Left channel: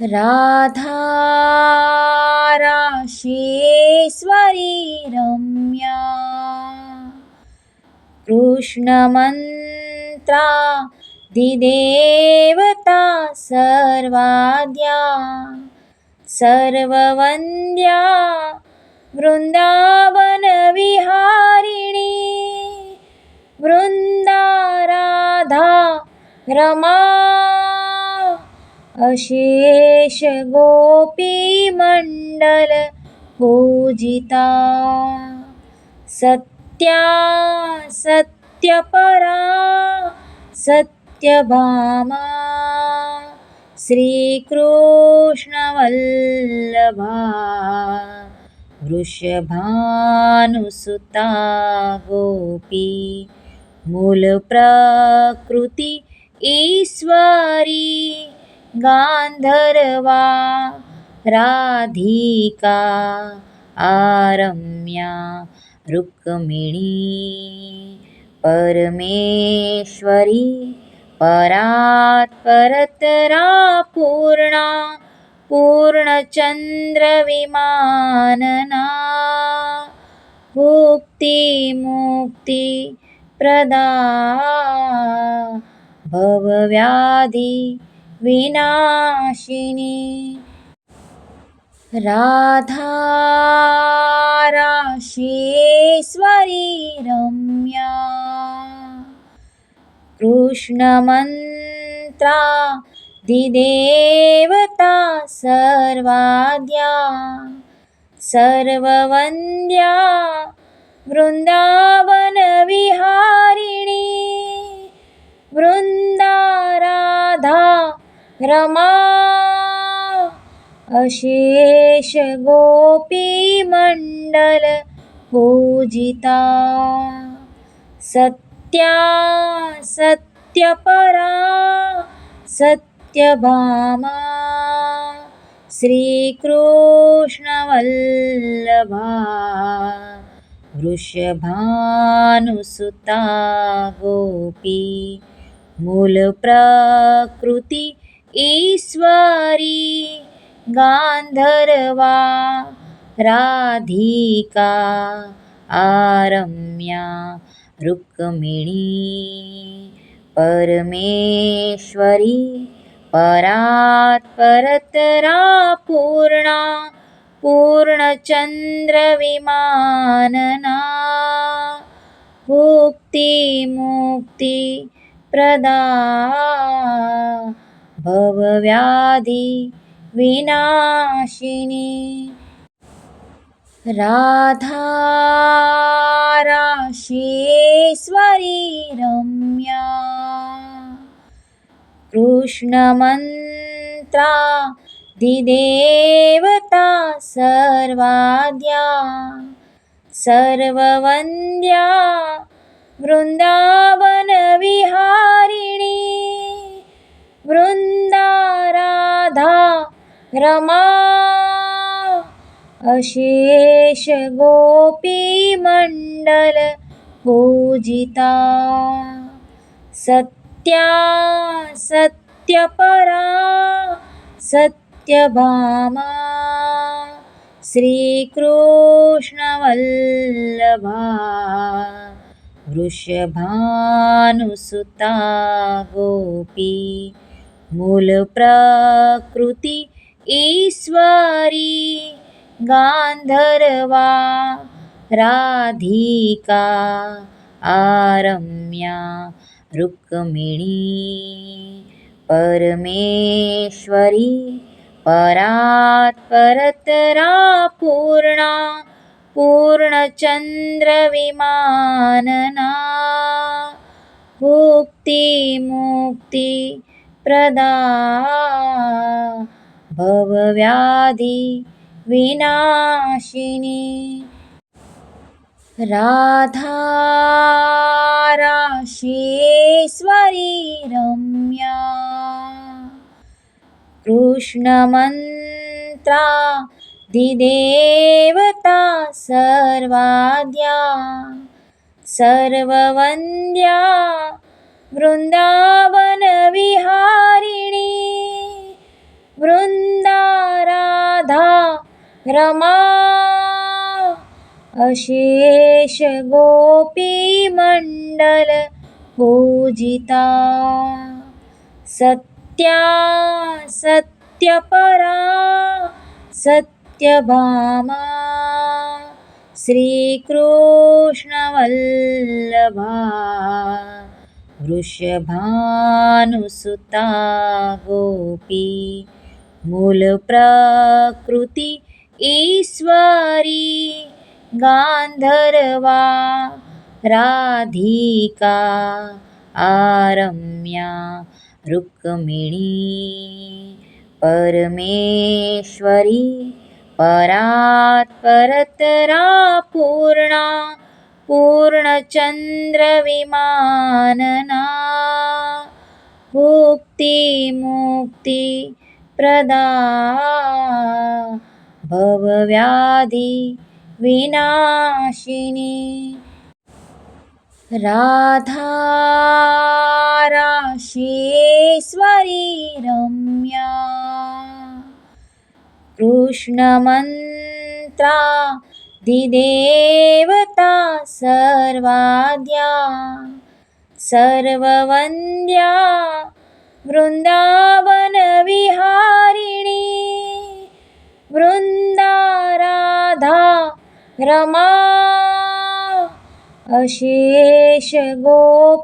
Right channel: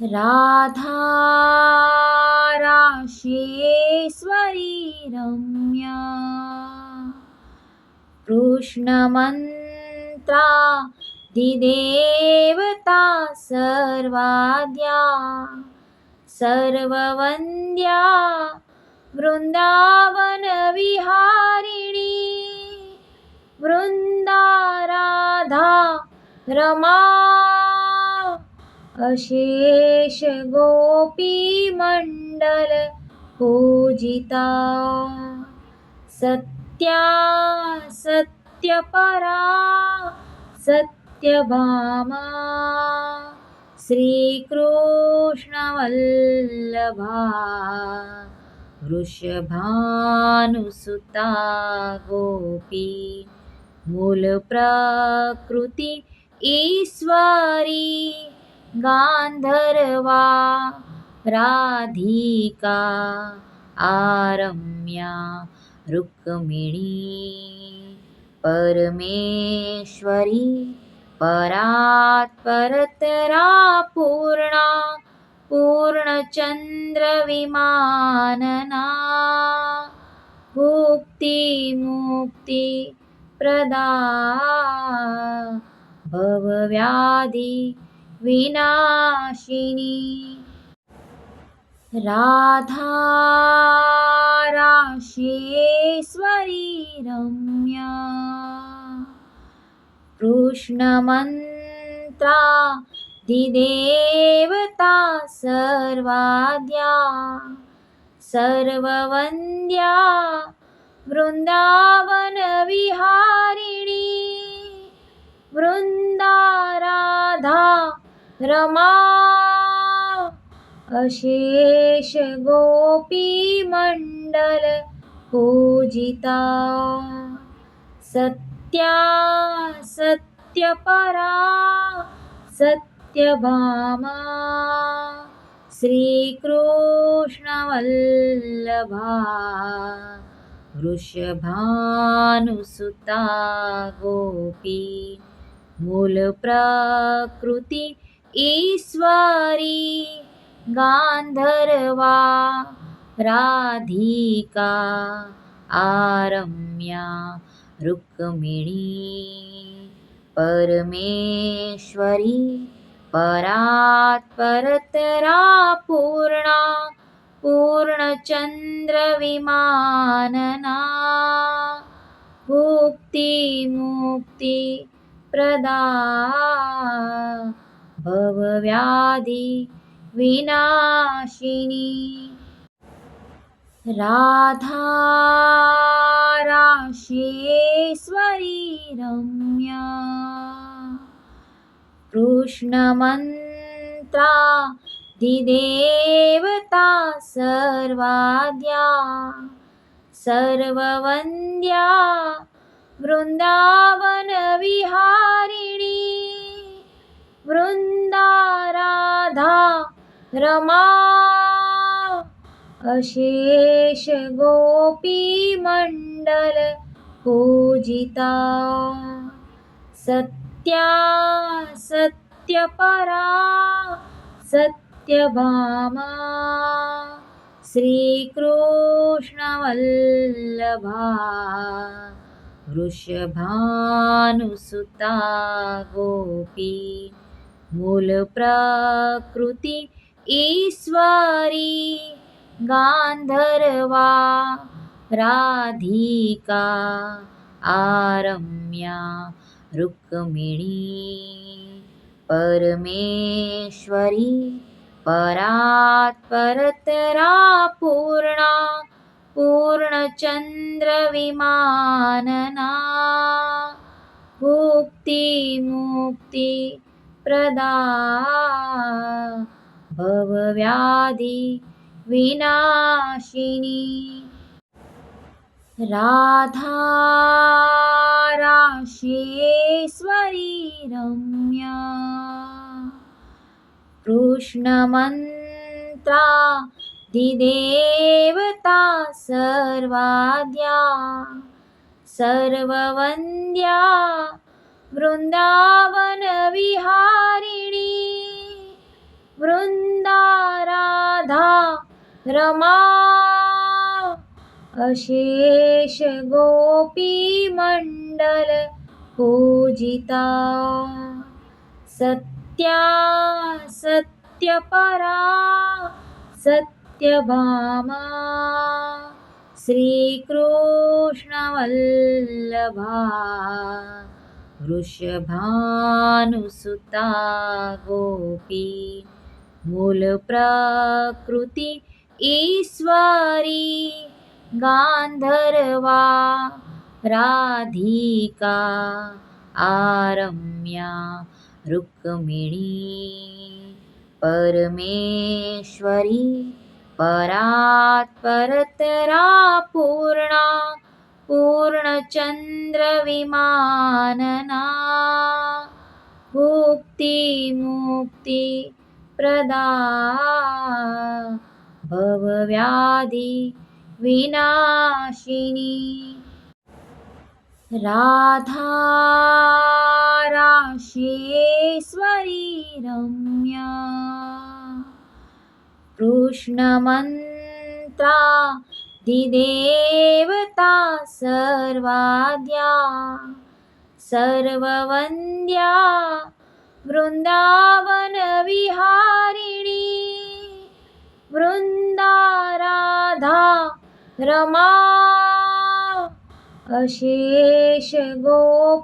राधा राशेश्वरी रम्या कृष्णमन्त्रा दिदेवता सर्वाद्या सर्ववन्द्या वृन्दावनविहारिणी वृन्दा राधा रमा अशेष गोपीमण्डल पूजिता सत्या सत्यपरा सत्यभामा श्रीकृष्णवल्लभा वृषभानुसुता गोपी मूलप्रकृति ईश्वरी गान्धर्वा राधिका आरम्या रुक्मिणी परमेश्वरी परात्परतरा पूर्णा पूर्णचन्द्रविमानना मुक्ति प्रदा भवव्याधि विनाशिनी राधा राशेश्वरी रम्या कृष्णमन्त्रा दिदेवता सर्वाद्या सर्ववन्द्या वृन्दावनविहारिणी वृन्दा राधा रमा अशेष गोपीमण्डल पूजिता सत्या सत्यपरा सत्यभामा श्रीकृष्णवल्लभा वृषभानुसुता गोपी मूलप्रकृति ईश्वरी गान्धर्वा राधिका आरम्या रुक्मिणी परमेश्वरी परात्परतरा पूर्णा पूर्णचन्द्रविमानना मुक्ति प्रदा भवव्याधि विनाशिनी राधा राशेश्वरी रम्या कृष्णमन्त्रा दिदेवता सर्वाद्या सर्ववन्द्या वृन्दावनविहारिणी वृन्दा राधा रमा अशेष गोपीमण्डल पूजिता सत्या सत्यपरा सत्यभामा श्रीकृष्णवल्लभा वृषभानुसुता गोपी मूलप्रकृति ईश्वरी गान्धर्वा राधिका आरम्या रुक्मिणी परमेश्वरी परात्परतरा पूर्णा पूर्णचन्द्रविमानना मुक्ति प्रदा भवव्याधि विनाशिनी राधा राशेश्वरी रम्या कृष्णमन्त्रा दिदेवता सर्वाद्या सर्ववन्द्या वृन्दावनविहारिणी वृन्दा रमा अशेष गोपीमण्डल पूजिता सत्या सत्यपरा सत्यभामा श्रीकृष्णवल्लभा वृषभानुसुता गोपी मूलप्रकृति ईश्वरी गान्धर्वा राधिका आरम्या रुक्मिणी परमेश्वरी परात्परतरा पूर्णा पूर्णचन्द्रविमानना मुक्तिप्रदा भवव्याधि विनाशिनी राधा राशेश्वरी रम्या कृष्णमन्त्रा दिदेवता सर्वाद्या सर्ववन्द्या वृन्दावनविहारिणी वृन्दा राधा रमा अशेष गोपीमण्डल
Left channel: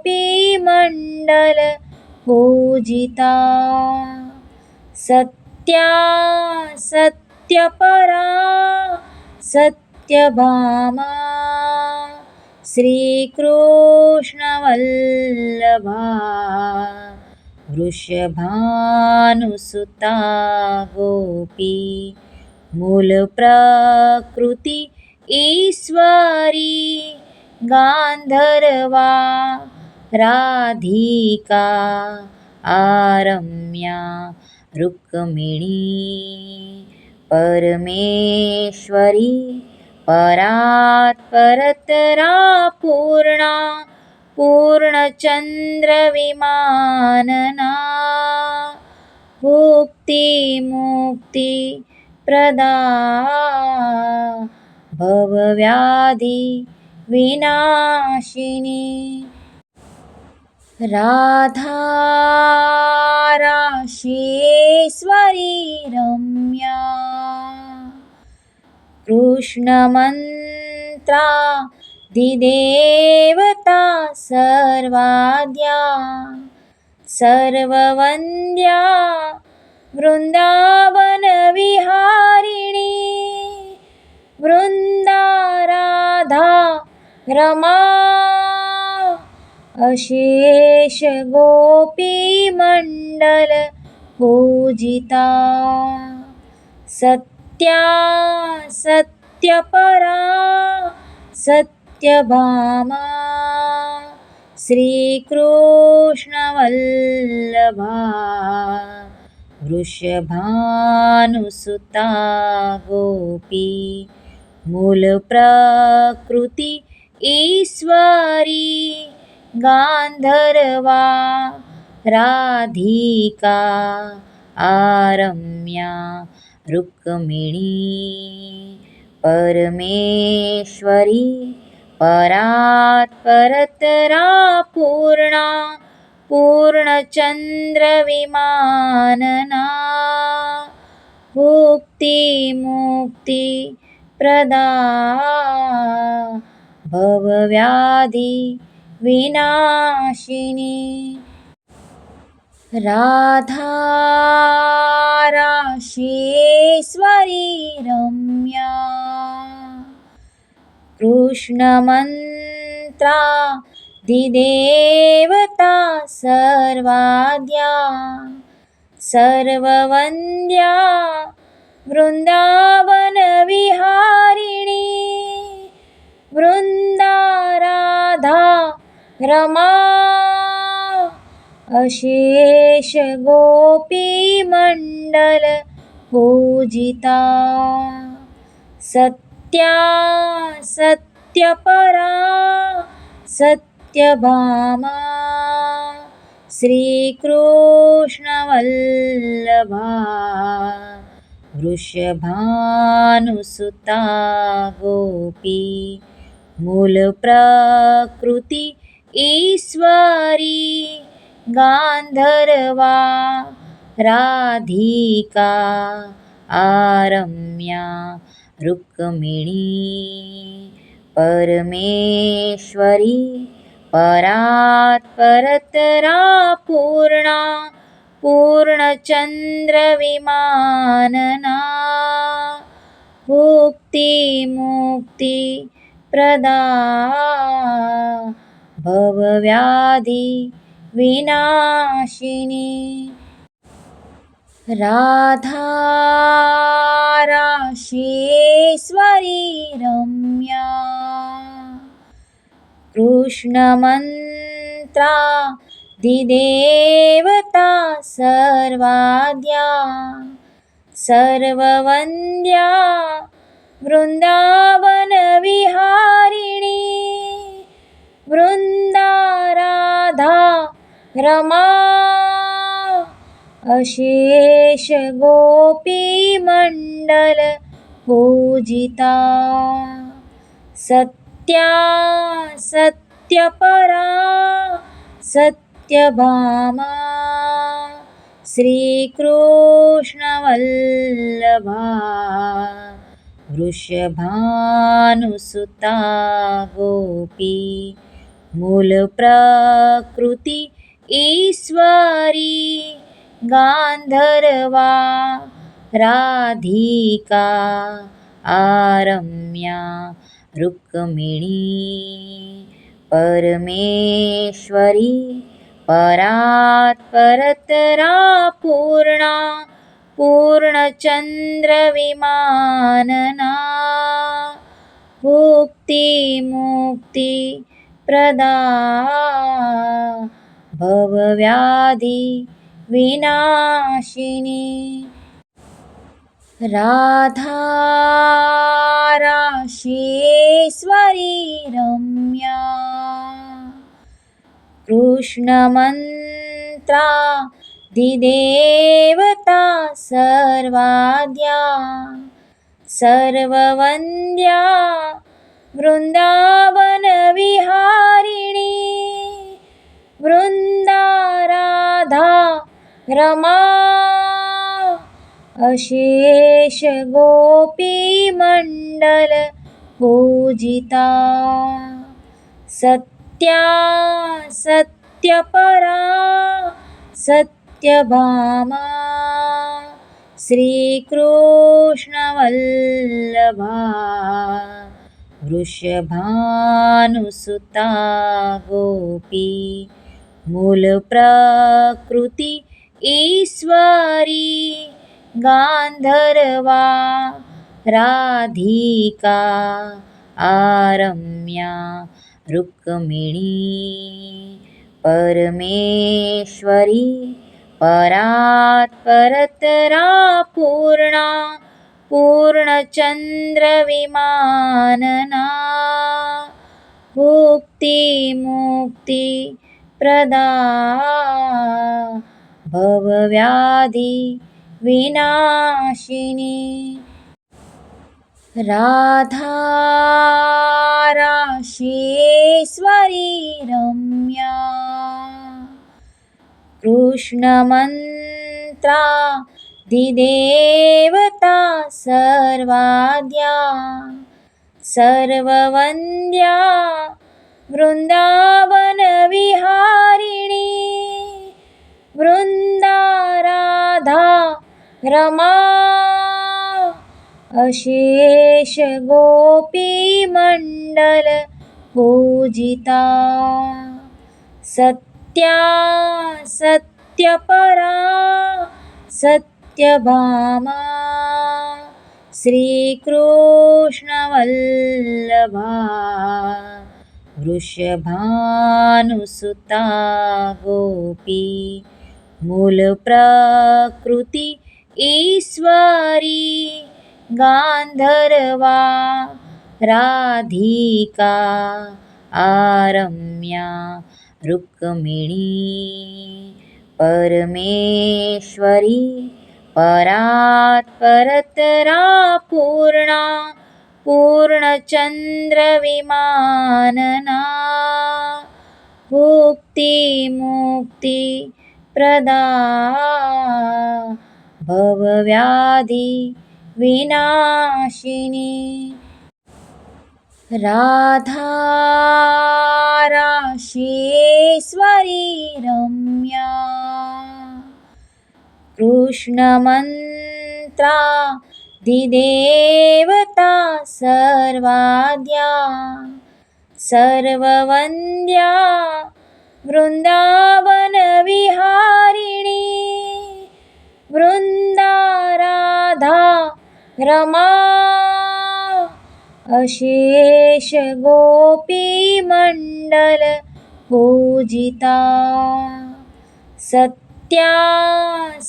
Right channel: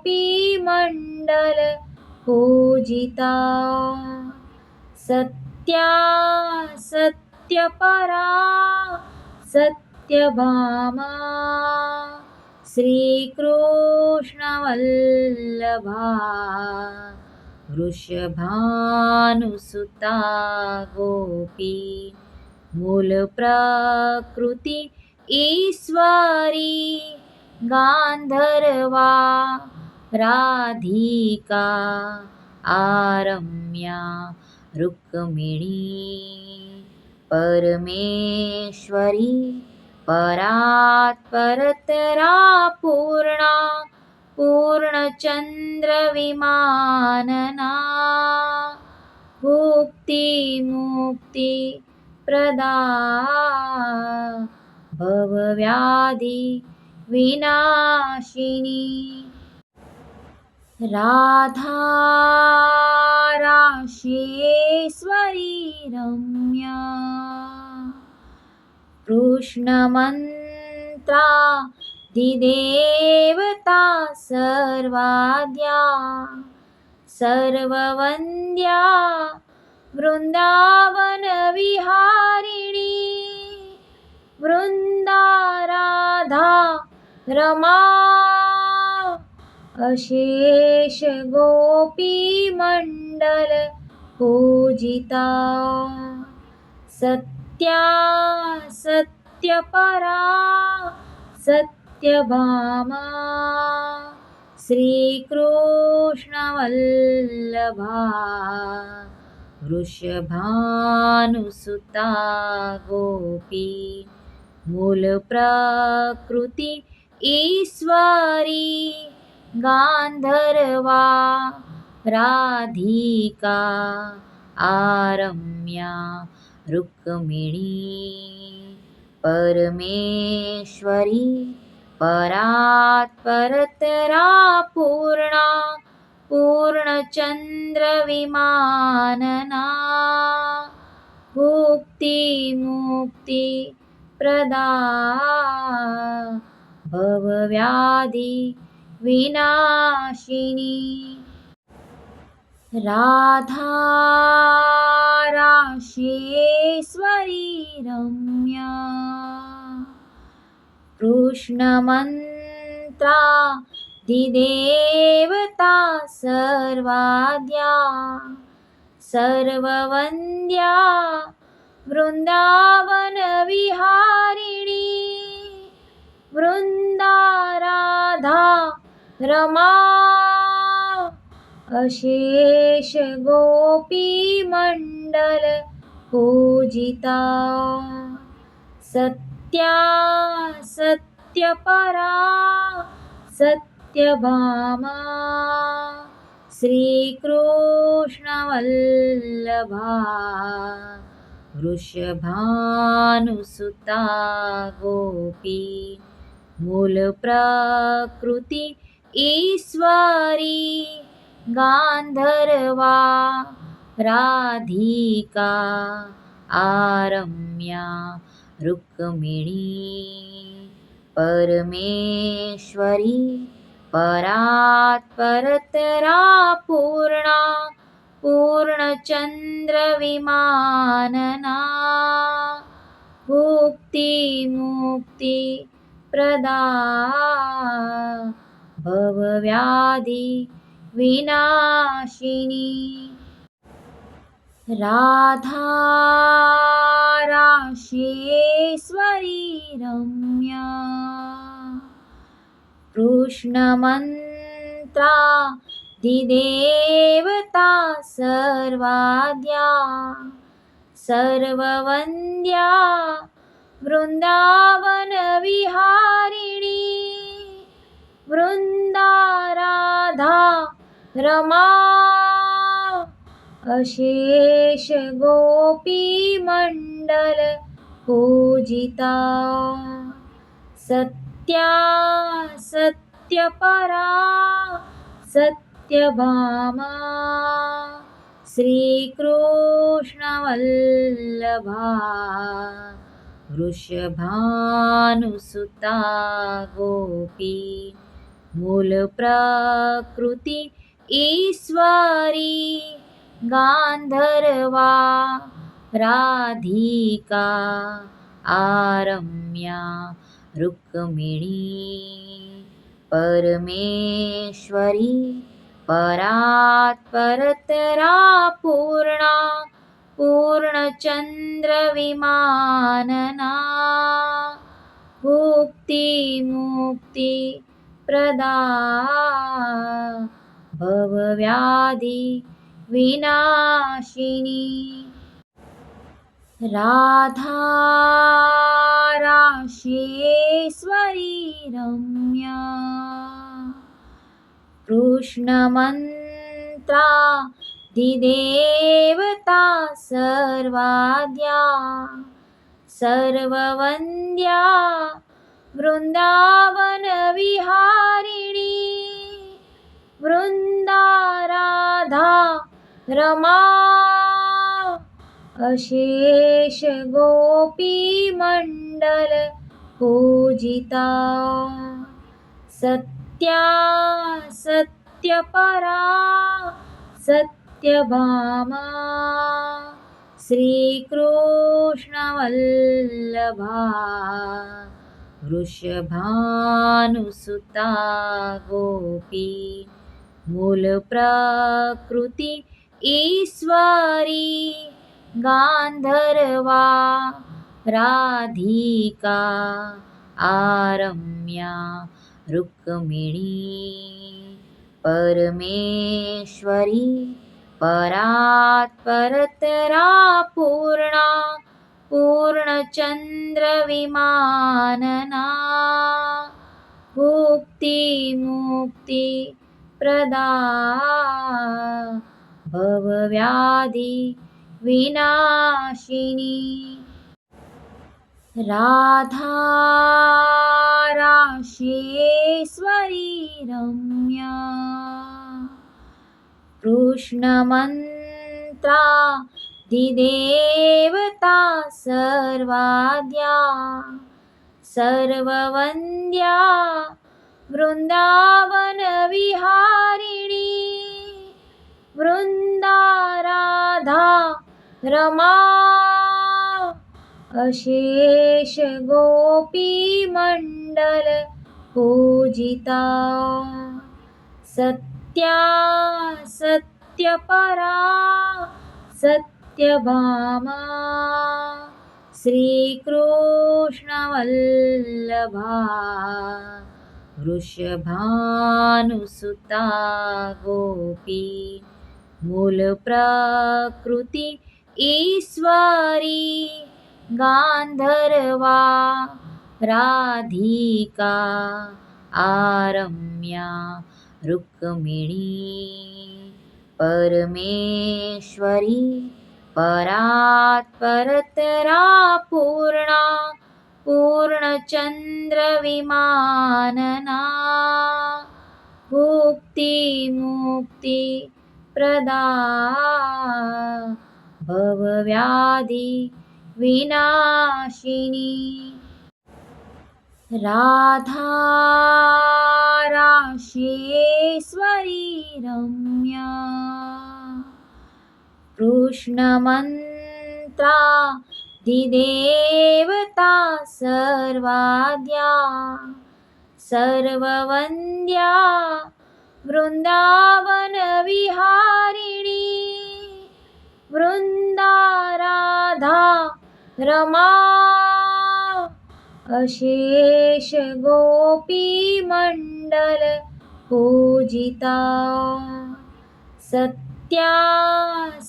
पूजिता सत्या सत्यपरा सत्यभामा श्रीकृष्णवल्लभा वृषभानुसुता गोपी मूलप्रकृति ईश्वरी गान्धर्वा राधिका आरम्या रुक्मिणी परमेश्वरी परात्परतरा पूर्णा पूर्णचन्द्रविमानना मुक्तिप्रदा भवव्याधि विनाशिनी राधा राशेश्वरी रम्या कृष्णमन्त्रा दिदेवता सर्वाद्या सर्ववन्द्या वृन्दावनविहारिणी वृन्दा राधा रमा अशेष गोपीमण्डल पूजिता सत्या सत्यपरा सत्यभामा श्रीकृष्णवल्लभा वृषभानुसुता गोपी मूलप्रकृति ईश्वरी गान्धर्वा राधिका आरम्या रुक्मिणी परमेश्वरी परात्परतरा पूर्णा पूर्णचन्द्रविमानना मुक्तिप्रदा भवव्याधि विनाशिनी राधा राशेश्वरी रम्या कृष्णमन्त्रा दिदेवता सर्वाद्या सर्ववन्द्या वृन्दावनविहारिणी वृन्दा राधा रमा अशेष गोपीमण्डल पूजिता सत्या सत्यपरा सत्यभामा श्रीकृष्णवल्लभा वृषभानुसुता गोपी मूलप्रकृति ईश्वरी गान्धर्वा राधिका आरम्या रुक्मिणी परमेश्वरी परात्परतरा पूर्णा पूर्णचन्द्रविमानना भुक्तिमुक्तिप्रदा भवव्याधिविनाशिनी राधा राशेश्वरी रम्या कृष्णमन्त्रा दिदेवता सर्वाद्या सर्ववन्द्या वृन्दावनविहारिणी वृन्दा राधा रमा अशेष गोपीमण्डल पूजिता सत्या सत्यपरा सत्यभामा श्रीकृष्णवल्लभा वृषभानुसुता गोपी मूलप्रकृति ईश्वरी गान्धर्वा राधिका आरम्या रुक्मिणी परमेश्वरी परात्परतरा पूर्णा पूर्णचन्द्रविमानना भुक्तिमुक्तिप्रदा भवव्याधिविनाशिनी राधा राशेश्वरी रम्या कृष्णमन्त्रा दिदेवता सर्वाद्या सर्ववन्द्या वृन्दावनविहारिणी वृन्दा राधा रमा अशेष गोपीमण्डल पूजिता सत्या सत्यपरा सत्यभामा श्रीकृष्णवल्लभा वृषभानुसुता गोपी मूलप्रकृति ईश्वरी गान्धर्वा राधिका आरम्या रुक्मिणी परमेश्वरी परात्परतरा पूर्णा पूर्णचन्द्रविमानना भुक्तिमुक्तिप्रदा भवव्याधिविनाशिनी राधा राशेश्वरी रम्या कृष्णमन्त्रा दिदेवता सर्वाद्या सर्ववन्द्या वृन्दावनविहारिणी वृन्दा राधा रमा अशेष गोपीमण्डल पूजिता सत्या सत्यपरा सत्यभामा श्रीकृष्णवल्लभा वृषभानुसुता गोपी मूलप्रकृति ईश्वरी गान्धर्वा राधिका आरम्या रुक्मिणी परमेश्वरी परात्परतरा पूर्णा पूर्णचन्द्रविमानना भुक्तिमुक्तिप्रदा भवव्याधिविनाशिनी राधा राशेश्वरी रम्या कृष्णमन्त्रा दिदेवता सर्वाद्या सर्ववन्द्या वृन्दावनविहारिणी वृन्दा राधा रमा अशेष गोपीमण्डल पूजिता सत्या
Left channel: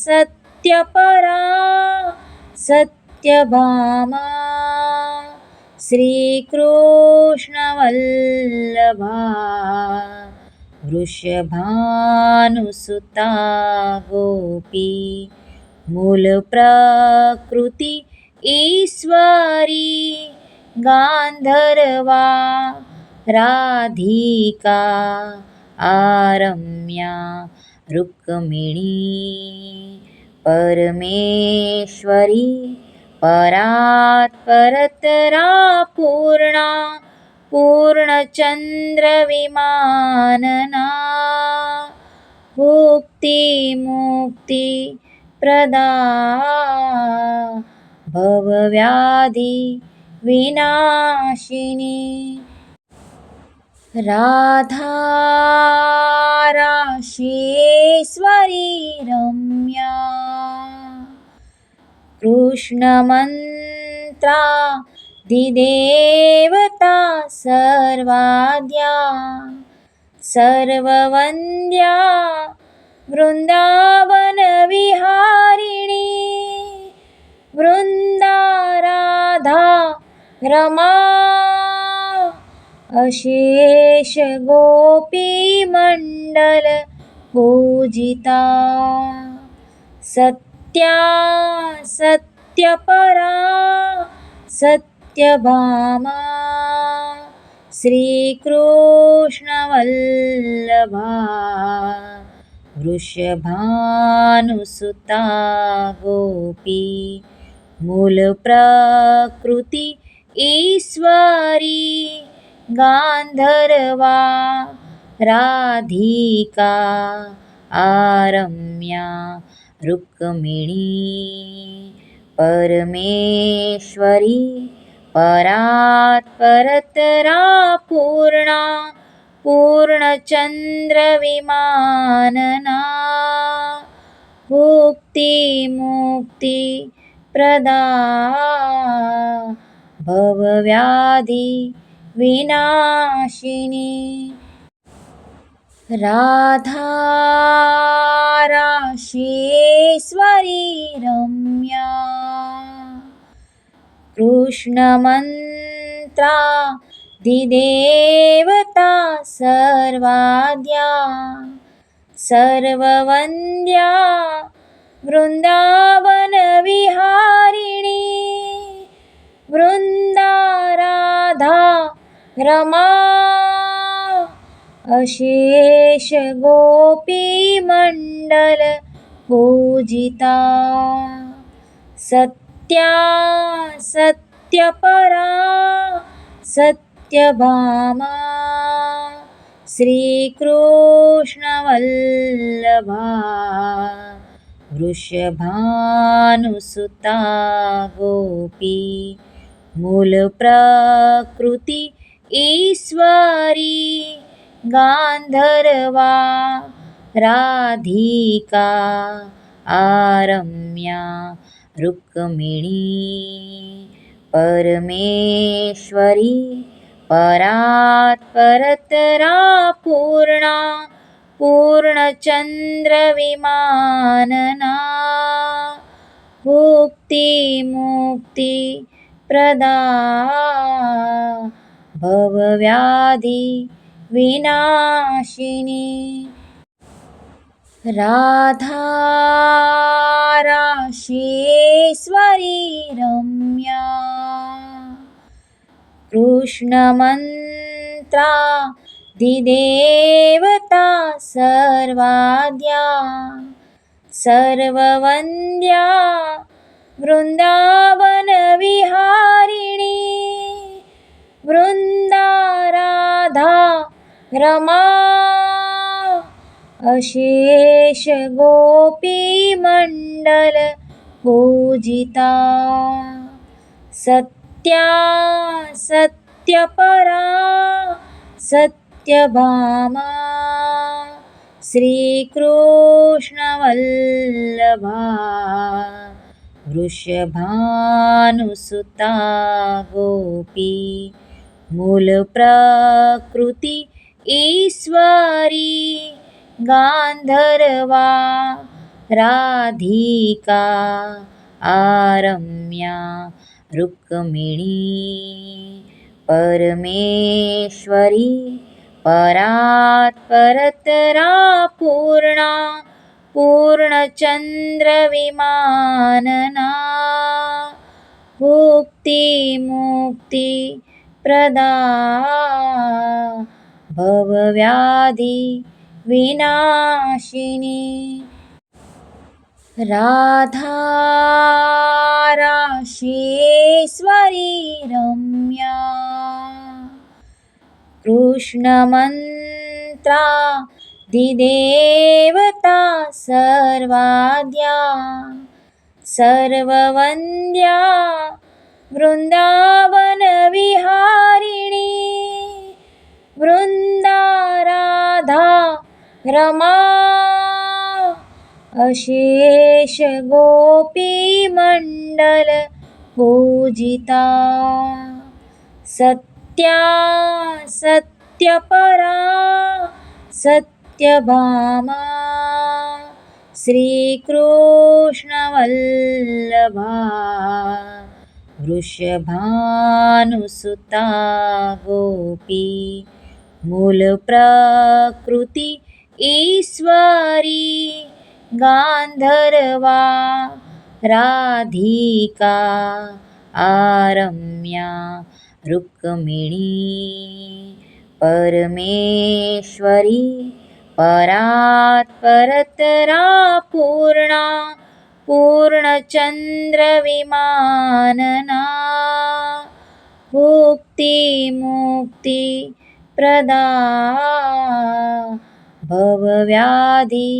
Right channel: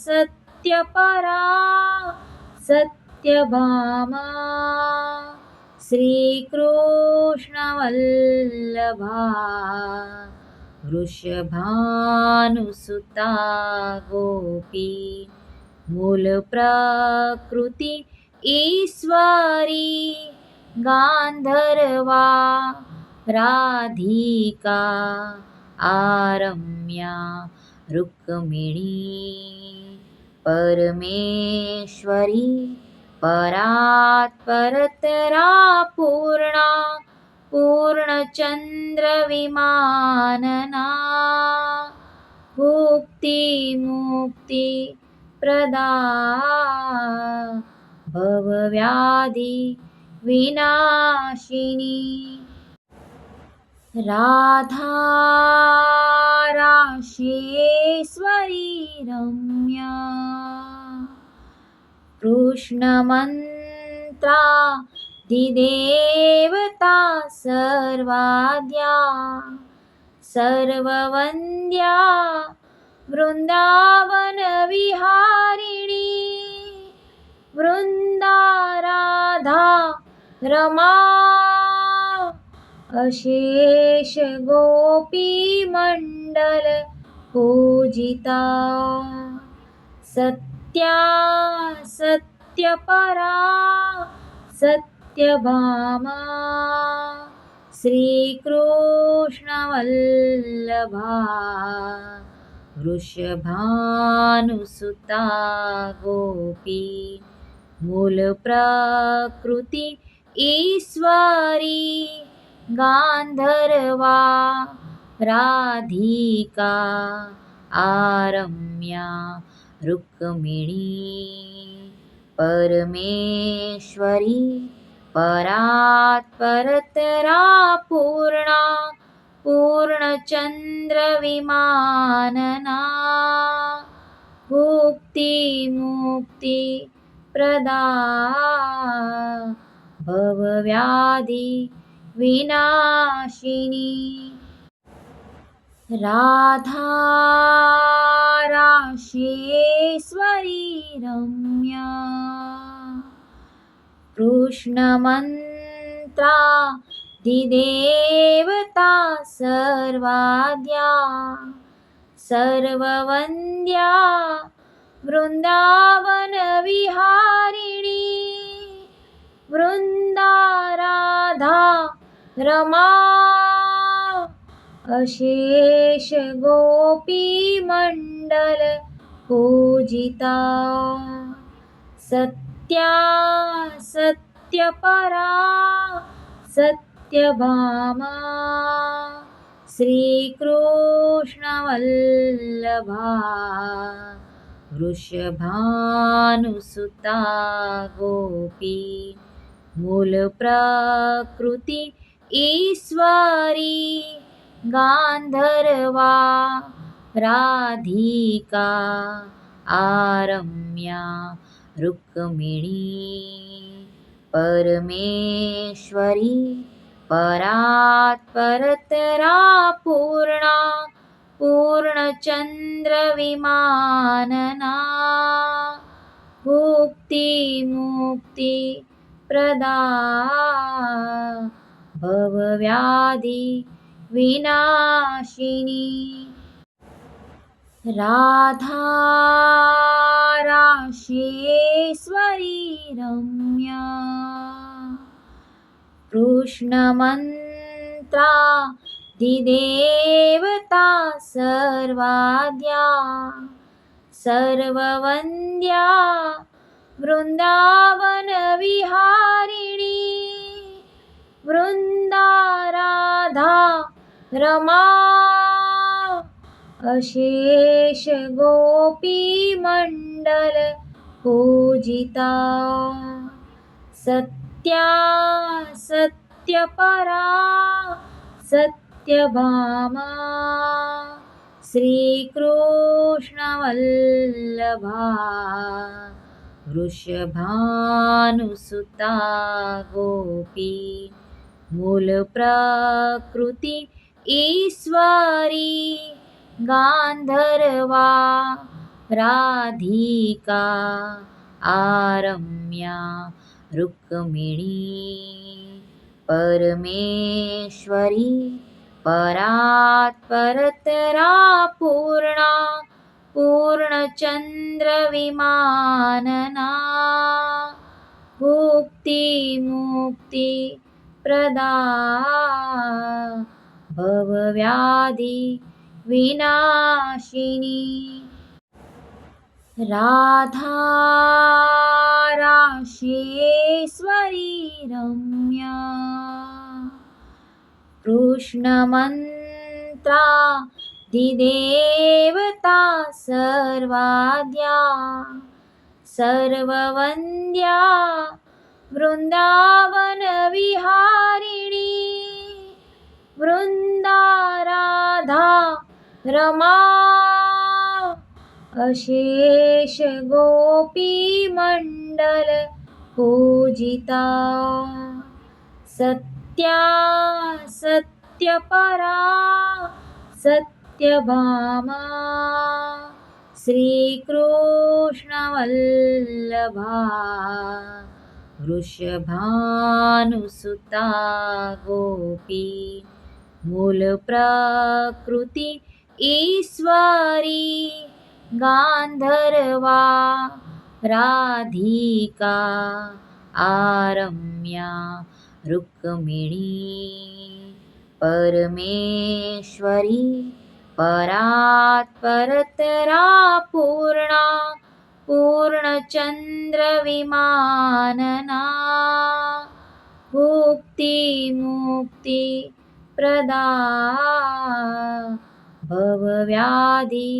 सत्यपरा सत्यभामा श्रीकृष्णवल्लभा वृषभानुसुता गोपी मूलप्रकृति ईश्वरी गान्धर्वा राधिका आरम्या रुक्मिणी परमेश्वरी परात्परतरा पूर्णा पूर्णचन्द्रविमानना भुक्तिमुक्तिप्रदा भवव्याधिविनाशिनी राधा राशेश्वरी रम्या कृष्णमन्त्रा दिदेवता सर्वाद्या सर्ववन्द्या वृन्दावनविहारिणी वृन्दा राधा रमा अशेष गोपीमण्डल पूजिता सत्या सत्यपरा सत्यभामा श्रीकृष्णवल्लभा वृषभानुसुता गोपी मूलप्रकृति ईश्वरी गान्धर्वा राधिका आरम्या रुक्मिणी परमेश्वरी परात्परतरा पूर्णा पूर्णचन्द्रविमानना भुक्तिमुक्तिप्रदा भवव्याधिविनाशिनी राधा राशेश्वरी रम्या कृष्णमन्त्रा दिदेवता सर्वाद्या सर्ववन्द्या वृन्दावनविहारिणी वृन्दा राधा रमा अशेष गोपीमण्डल पूजिता सत्या सत्यपरा सत्यभामा श्रीकृष्णवल्लभा वृषभानुसुता गोपी मूलप्रकृति ईश्वरी गान्धर्वा राधिका आरम्या रुक्मिणी परमेश्वरी परात्परतरा पूर्णा पूर्णचन्द्रविमानना भुक्तिमुक्तिप्रदा भवव्याधिविनाशिनी राधा राशेश्वरी रम्या कृष्णमन्त्रा दिदेवता सर्वाद्या सर्ववन्द्या वृन्दावनविहारिणी वृन्दा राधा रमा अशेष गोपीमण्डल पूजिता सत्या सत्यपरा सत्यभामा श्रीकृष्णवल्लभा वृषभानुसुता गोपी मूलप्रकृति ईश्वरी गान्धर्वा राधिका आरम्या रुक्मिणी परमेश्वरी परात्परतरा पूर्णा पूर्णचन्द्रविमानना मुक्तिप्रदा भवव्याधि विनाशिनी राधा राशेश्वरी रम्या कृष्णमन्त्रा दिदेवता सर्वाद्या सर्ववन्द्या वृन्दावनविहारिणी वृन्दा राधा रमा अशेष गोपीमण्डल पूजिता सत्या सत्यपरा सत्यभामा श्रीकृष्णवल्लभा वृषभानुसुता गोपी मूलप्रकृति ईश्वरी गान्धर्वा राधिका आरम्या रुक्मिणी परमेश्वरी परात्परतरा पूर्णा पूर्णचन्द्रविमानना मुक्तिप्रदा भवव्याधि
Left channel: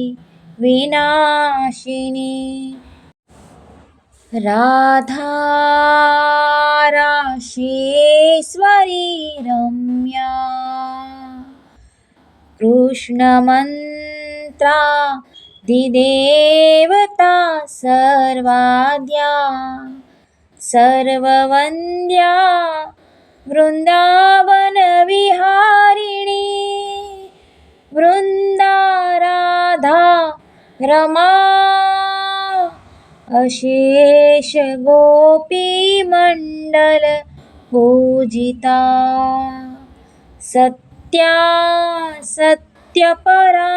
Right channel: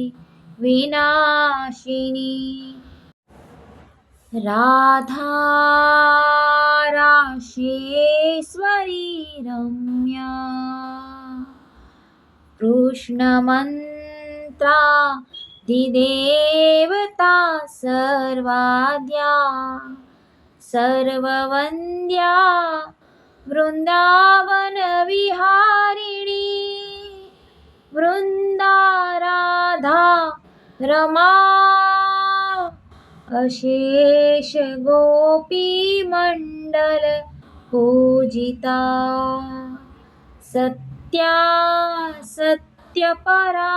विनाशिनी राधा राशेश्वरी रम्या कृष्णमन्त्रा दिदेवता सर्वाद्या सर्ववन्द्या वृन्दावनविहारिणी वृन्दा राधा रमा अशेष गोपीमण्डल पूजिता सत्या सत्यपरा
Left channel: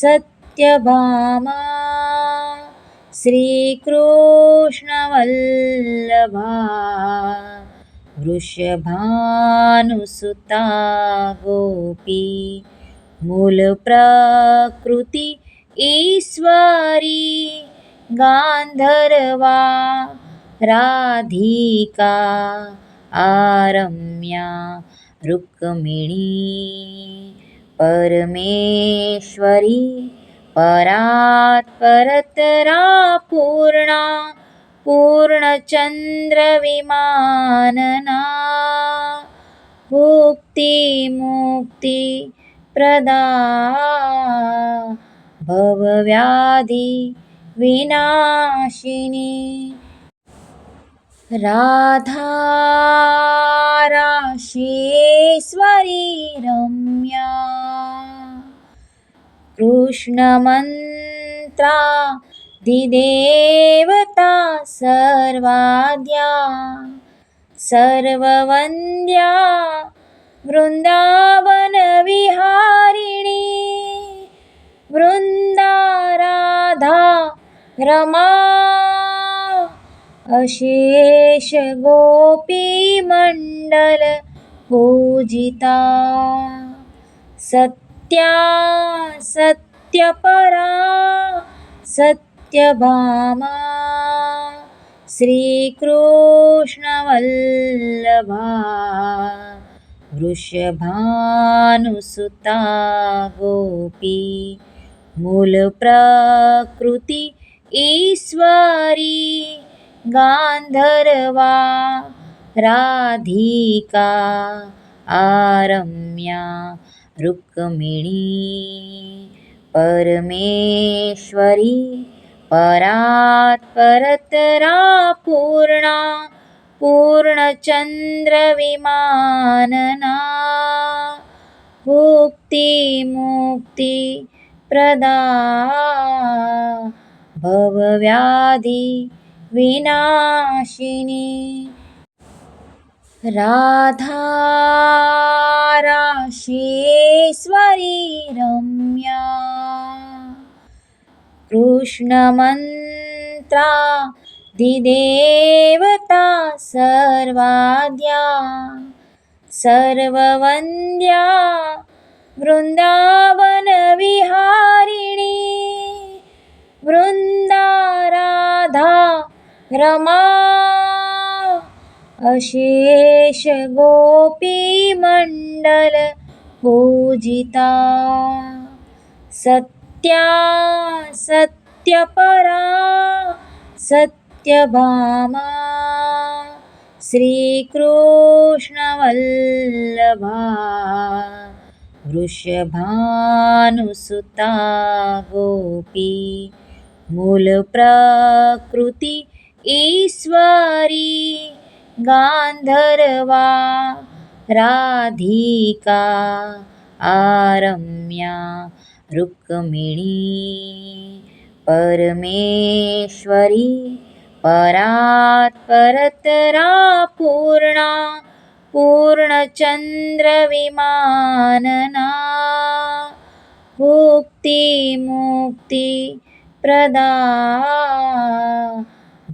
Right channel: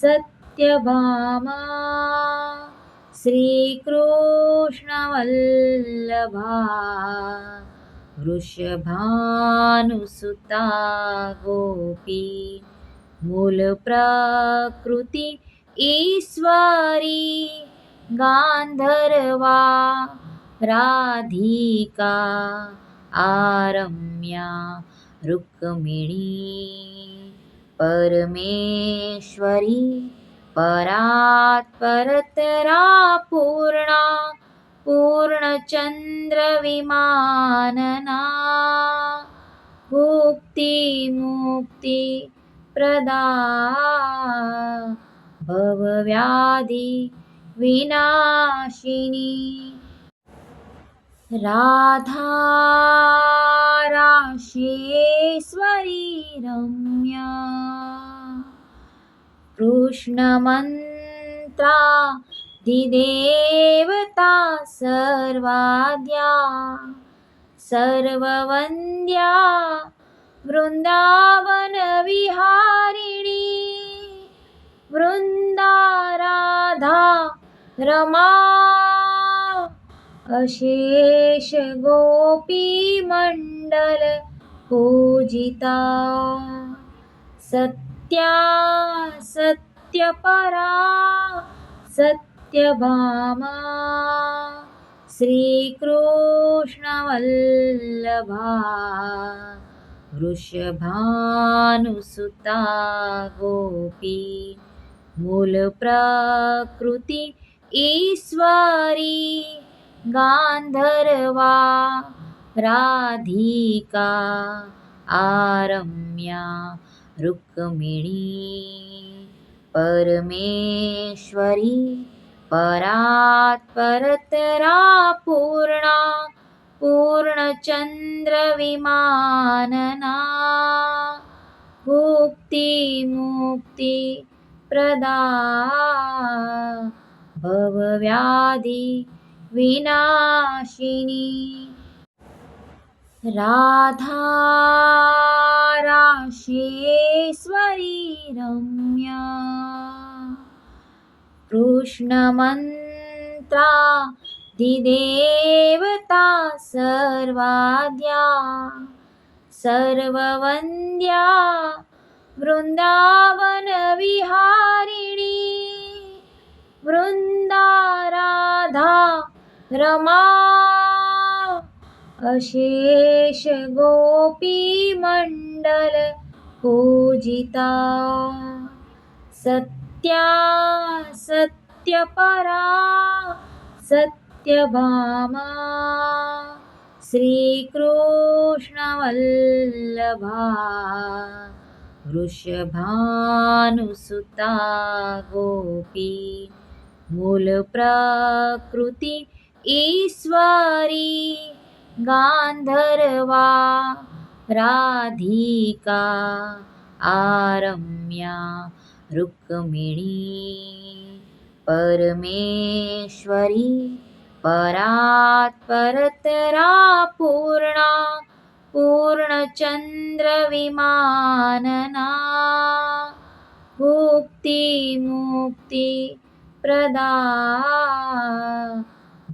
सत्यभामा श्रीकृष्णवल्लभा वृषभानुसुता गोपी मूलप्रकृति ईश्वरी गान्धर्वा राधिका आरम्या रुक्मिणी परमेश्वरी परात्परतरा पूर्णा पूर्णचन्द्रविमानना मुक्तिप्रदा भवव्याधि विनाशिनी राधा राशेश्वरी रम्या कृष्णमन्त्रा दिदेवता सर्वाद्या सर्ववन्द्या वृन्दावनविहारिणी वृंदा राधा रमा अशेष गोपी मंडल पूजिता सत्या सत्यपरा सत्यभामा श्रीकृष्णवल्लभा वृषभानुसुता गोपी मूलप्रकृति ईश्वरी गान्धर्वा राधिका आरम्या रुक्मिणी परमेश्वरी परात्परतरा पूर्णा पूर्णचन्द्रविमानना मुक्ति प्रदा भवव्याधि विनाशिनी राधा राशेश्वरी रम्या कृष्णमन्त्रा दिदेवता सर्वाद्या सर्ववन्द्या वृन्दावनविहारिणी वृन्दा राधा रमा अशेष गोपीमण्डल पूजिता सत्या सत्यपरा सत्यभामा श्रीकृष्णवल्लभा वृषभानुसुता गोपी मूलप्रकृति ईश्वरी गान्धर्वा राधिका आरम्या रुक्मिणी परमेश्वरी परात्परतरा पूर्णा पूर्णचन्द्रविमानना मुक्ति प्रदा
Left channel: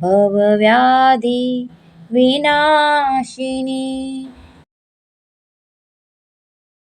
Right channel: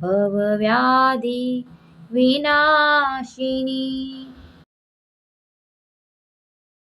भवव्याधि विनाशिनी